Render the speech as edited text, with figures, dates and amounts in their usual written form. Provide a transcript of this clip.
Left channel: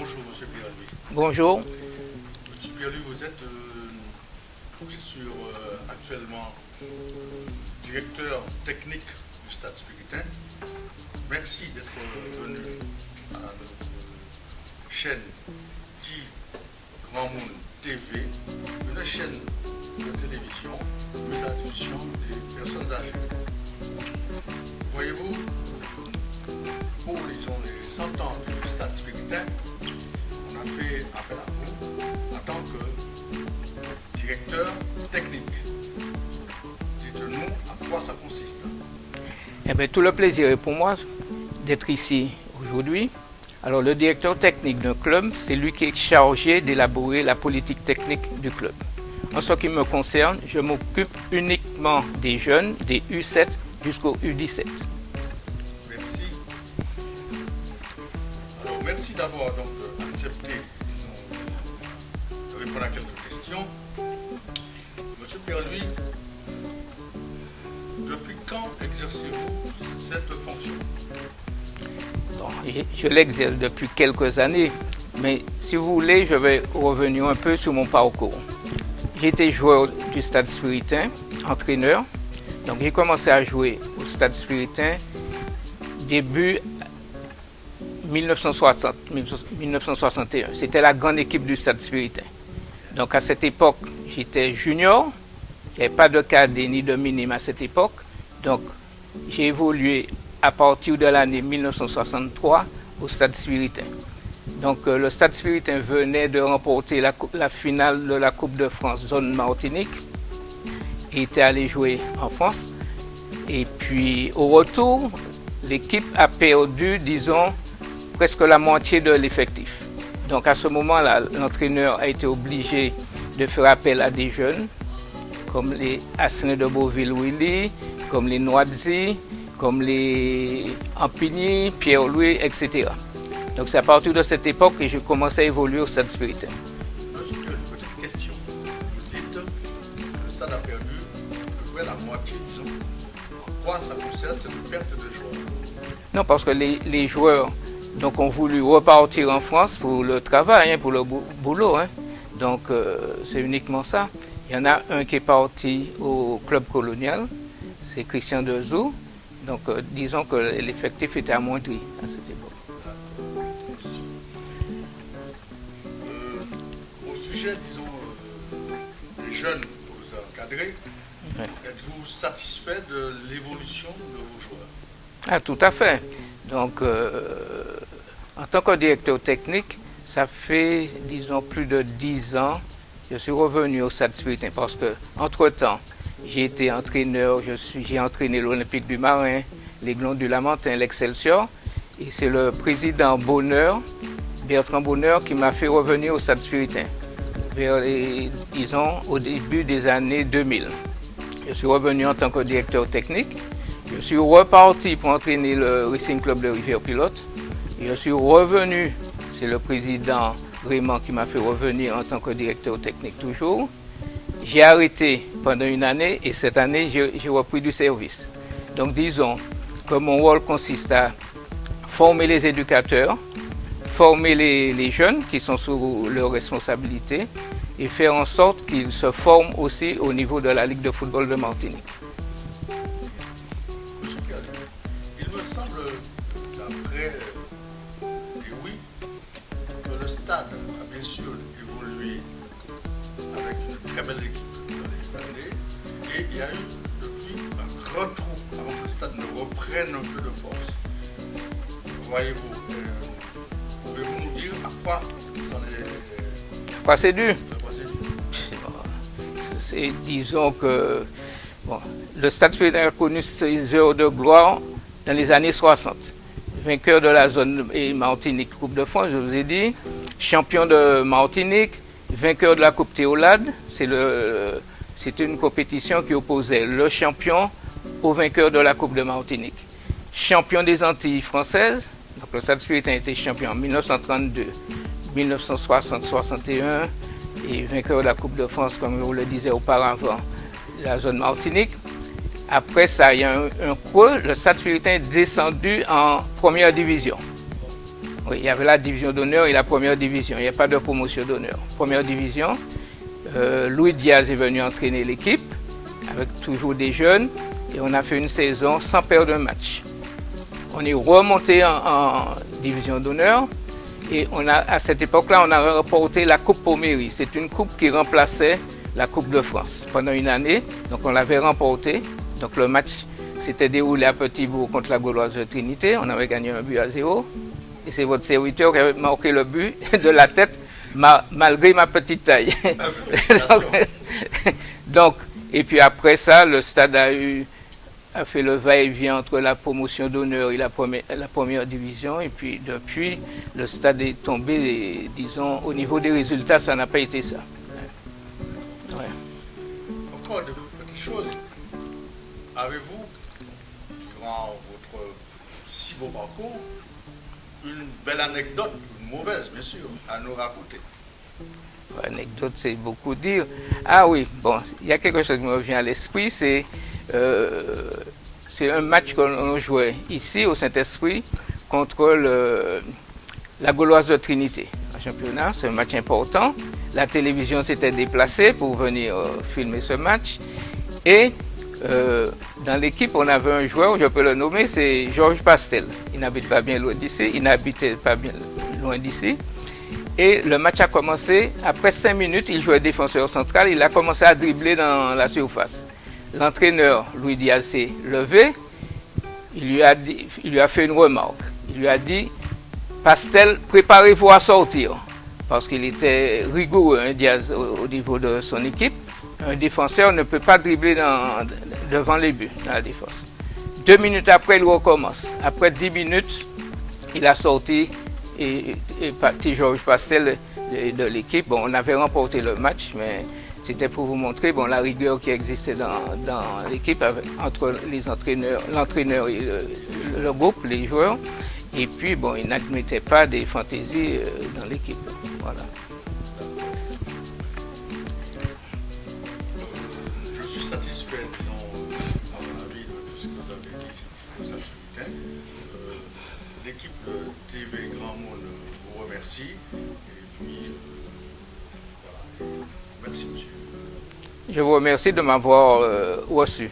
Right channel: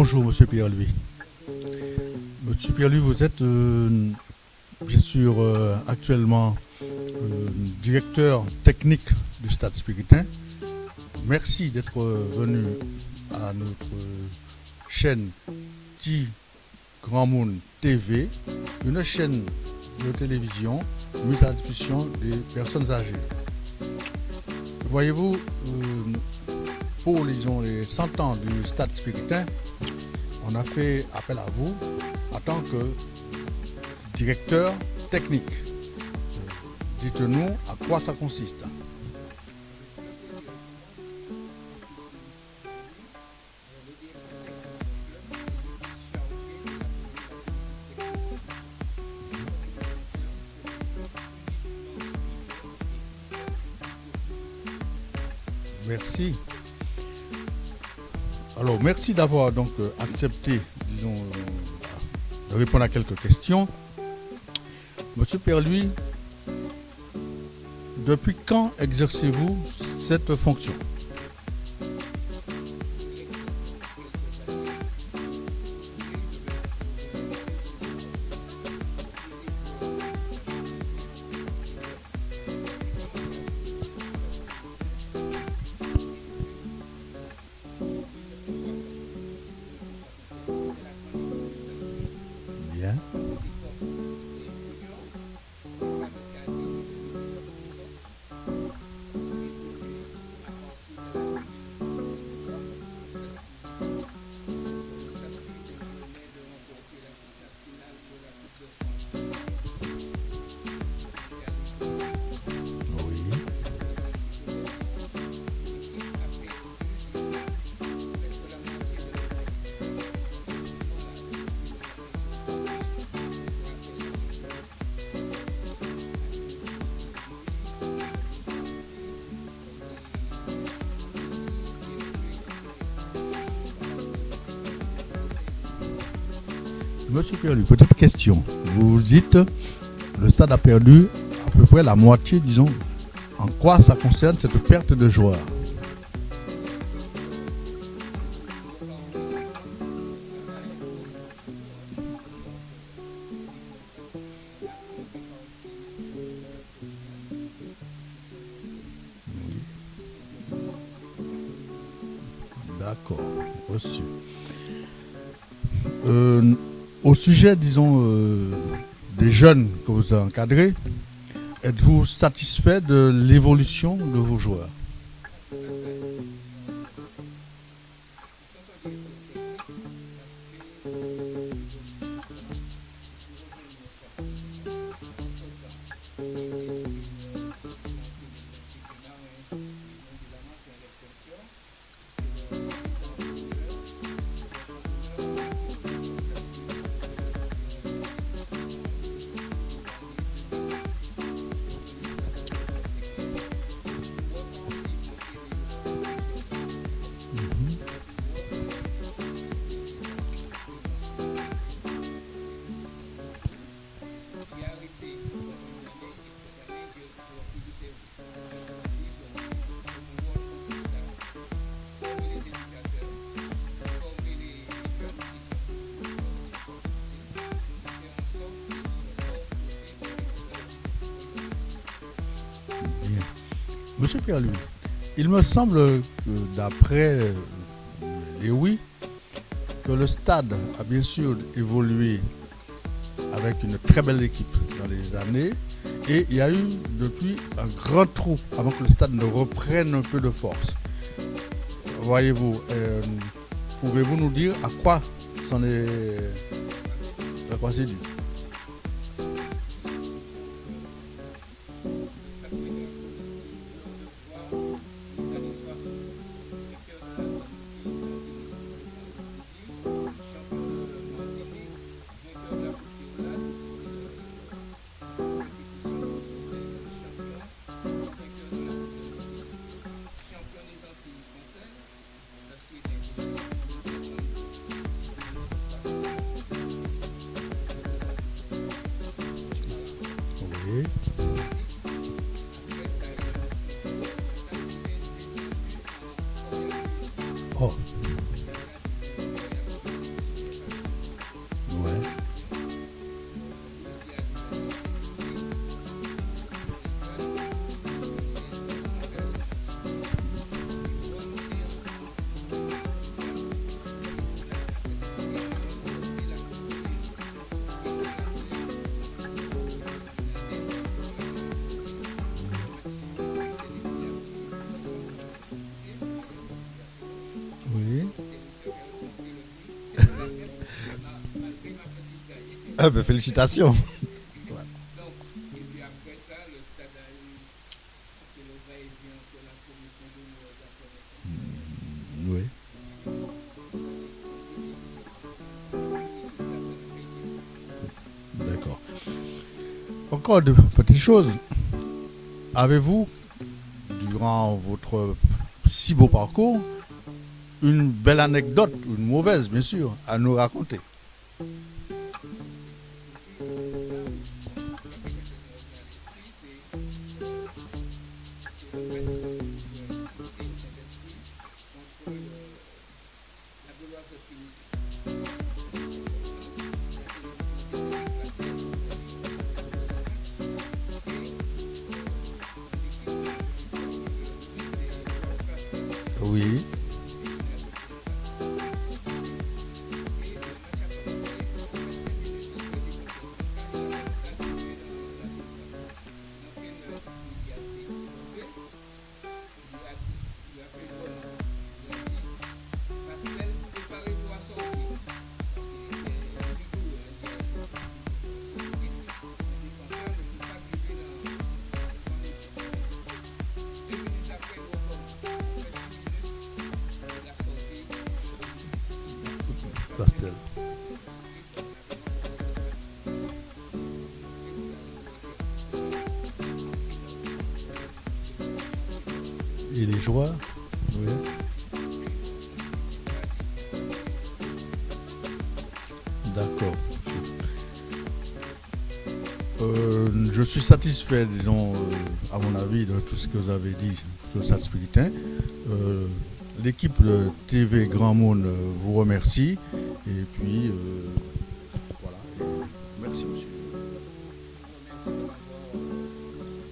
Bonjour, Monsieur Pierre-Louis. Bonjour. Monsieur Pierre-Louis, vous êtes bien sûr actuellement directeur technique du Stade Spiritain. Merci d'être venu à notre chaîne Ti Grand Monde TV, une chaîne de télévision mise à la discussion des personnes âgées. Voyez-vous, pour les 100 ans du Stade Spiritain, on a fait appel à vous en tant que directeur technique. Dites-nous à quoi ça consiste. Eh bien, tout le plaisir est pour moi d'être ici aujourd'hui. Alors, le directeur technique d'un club, c'est lui qui est chargé d'élaborer la politique technique du club. En ce qui me concerne, je m'occupe uniquement des jeunes, des U7 jusqu'au U17. Merci. Alors, merci d'avoir donc accepté, disons, de répondre à quelques questions. Monsieur Pierre-Louis, depuis quand exercez-vous cette fonction? Bon, je l'exerce depuis quelques années, mais si vous voulez, je vais revenir un peu sur mon parcours. J'ai été joueur du Stade Spiritain, entraîneur. Donc j'ai commencé à jouer au Stade Spiritain début 1961. C'était la grande équipe du Stade Spiritain. Bien. Donc à cette époque, j'étais junior. Il n'y avait pas de cadet ni de minime à cette époque. Donc j'ai évolué à partir de l'année 1963 au Stade Spiritain. Donc le Stade Spiritain venait de remporter la finale de la Coupe de France zone Martinique. Il était allé jouer en France. Et puis au retour, l'équipe a perdu, disons, presque la moitié de l'effectif. Donc à ce moment-là, l'entraîneur a été obligé de faire appel à des jeunes, comme les Assené de Beauville-Willy, comme les Noadzi, comme les Ampigny, Pierre-Louis, etc. Donc c'est à partir de cette époque que j'ai commencé à évoluer au Stade Spiritain. Monsieur Pierre-Louis, petite question. Vous dites le stade a perdu à peu près la moitié, disons. En quoi ça concerne cette perte de joueurs? Non, parce que les joueurs donc, ont voulu repartir en France pour le travail, pour le boulot. Donc c'est uniquement ça. Il y en a un qui est parti au club colonial, c'est Christian Dezou. Donc disons que l'effectif était amoindri à cette époque. D'accord, reçu. Au sujet, disons, des jeunes que vous encadrez, êtes-vous satisfait de l'évolution de vos joueurs? Ah, tout à fait. Donc, en tant que directeur technique, ça fait, disons, plus de 10 ans, je suis revenu au Stade Spiritain parce que, entre-temps, j'ai été entraîneur, j'ai entraîné l'Olympique du Marin, l'Aiglon du Lamentin, l'Excelsior, et c'est le président Bonheur, Bertrand Bonheur, qui m'a fait revenir au Stade Spiritain, disons, au début des années 2000. Je suis revenu en tant que directeur technique. Je suis reparti pour entraîner le Racing Club de Rivière-Pilote. Je suis revenu, c'est le président Raymond qui m'a fait revenir en tant que directeur technique toujours. J'ai arrêté pendant une année et cette année, j'ai repris du service. Donc disons que mon rôle consiste à former les éducateurs, former les jeunes qui sont sous leur responsabilité et faire en sorte qu'ils se forment aussi au niveau de la Ligue de football de Martinique. Monsieur Pierre-Louis, il me semble que d'après les oui, que le stade a bien sûr évolué avec une très belle équipe dans les années et il y a eu depuis un grand trou avant que le stade ne reprenne un peu de force. Voyez-vous, pouvez-vous nous dire à quoi c'en est... Quoi c'est dû? À quoi c'est dû? Disons que bon, le Stade Spiritain a connu ses heures de gloire dans les années 60. Vainqueur de la zone Martinique Coupe de France, je vous ai dit, champion de Martinique, vainqueur de la Coupe Théolade, c'est une compétition qui opposait le champion au vainqueur de la Coupe de Martinique. Champion des Antilles françaises, donc le Stade Spiritain a été champion en 1932, 1960, 61 et vainqueur de la Coupe de France, comme je vous le disais auparavant, la zone Martinique. Après ça, il y a un creux, le Stade Spiritain est descendu en première division. Oh. Oui, il y avait la division d'honneur et la première division. Il n'y a pas de promotion d'honneur. Première division, Louis Diaz est venu entraîner l'équipe, avec toujours des jeunes, et on a fait une saison sans perdre un match. On est remonté en division d'honneur, et à cette époque-là, on a remporté la Coupe Pommery. C'est une coupe qui remplaçait la Coupe de France pendant une année, donc on l'avait remportée. Donc le match s'était déroulé à Petit-Bourg contre la Gauloise de Trinité, on avait gagné 1-0. Et c'est votre serviteur qui avait marqué le but de la tête, malgré ma petite taille. Ah ben, félicitations. donc, et puis après ça, le stade a fait le va-et-vient entre la promotion d'honneur et la première division. Et puis depuis, le stade est tombé, et, disons, au niveau des résultats, ça n'a pas été ça. D'accord. Ouais. Encore de petites choses. Avez-vous, durant votre si beau parcours, une belle anecdote, une mauvaise bien sûr, à nous raconter? Anecdote, c'est beaucoup dire. Ah oui, bon, il y a quelque chose qui me revient à l'esprit, c'est un match qu'on jouait ici au Saint-Esprit contre la Gauloise de Trinité. Un championnat, c'est un match important. La télévision s'était déplacée pour venir filmer ce match. Et dans l'équipe, on avait un joueur, je peux le nommer, c'est Georges Pastel. Il n'habite pas bien loin d'ici, il n'habitait pas bien loin d'ici. Et le match a commencé, après 5 minutes, il jouait défenseur central, il a commencé à dribbler dans la surface. L'entraîneur, Louis Diaz, s'est levé, il lui a fait une remarque. Il lui a dit, Pastel, préparez-vous à sortir. Parce qu'il était rigoureux, hein, Diaz, au niveau de son équipe. Un défenseur ne peut pas dribbler devant les buts, dans la défense. 2 minutes après, il recommence. Après 10 minutes, il a sorti et parti Georges Pastel de l'équipe. Bon, on avait remporté le match, mais c'était pour vous montrer la rigueur qui existait dans l'équipe entre l'entraîneur et le groupe, les joueurs. Et puis, bon, il n'admettait pas des fantaisies dans l'équipe. Voilà. D'accord. Je suis satisfait, disons, à mon avis, de tout ce que vous avez dit sur le Stade Spiritain. L'équipe TV Grand Monde vous remercie. Et puis, voilà. Merci, monsieur. Je vous remercie de m'avoir reçu.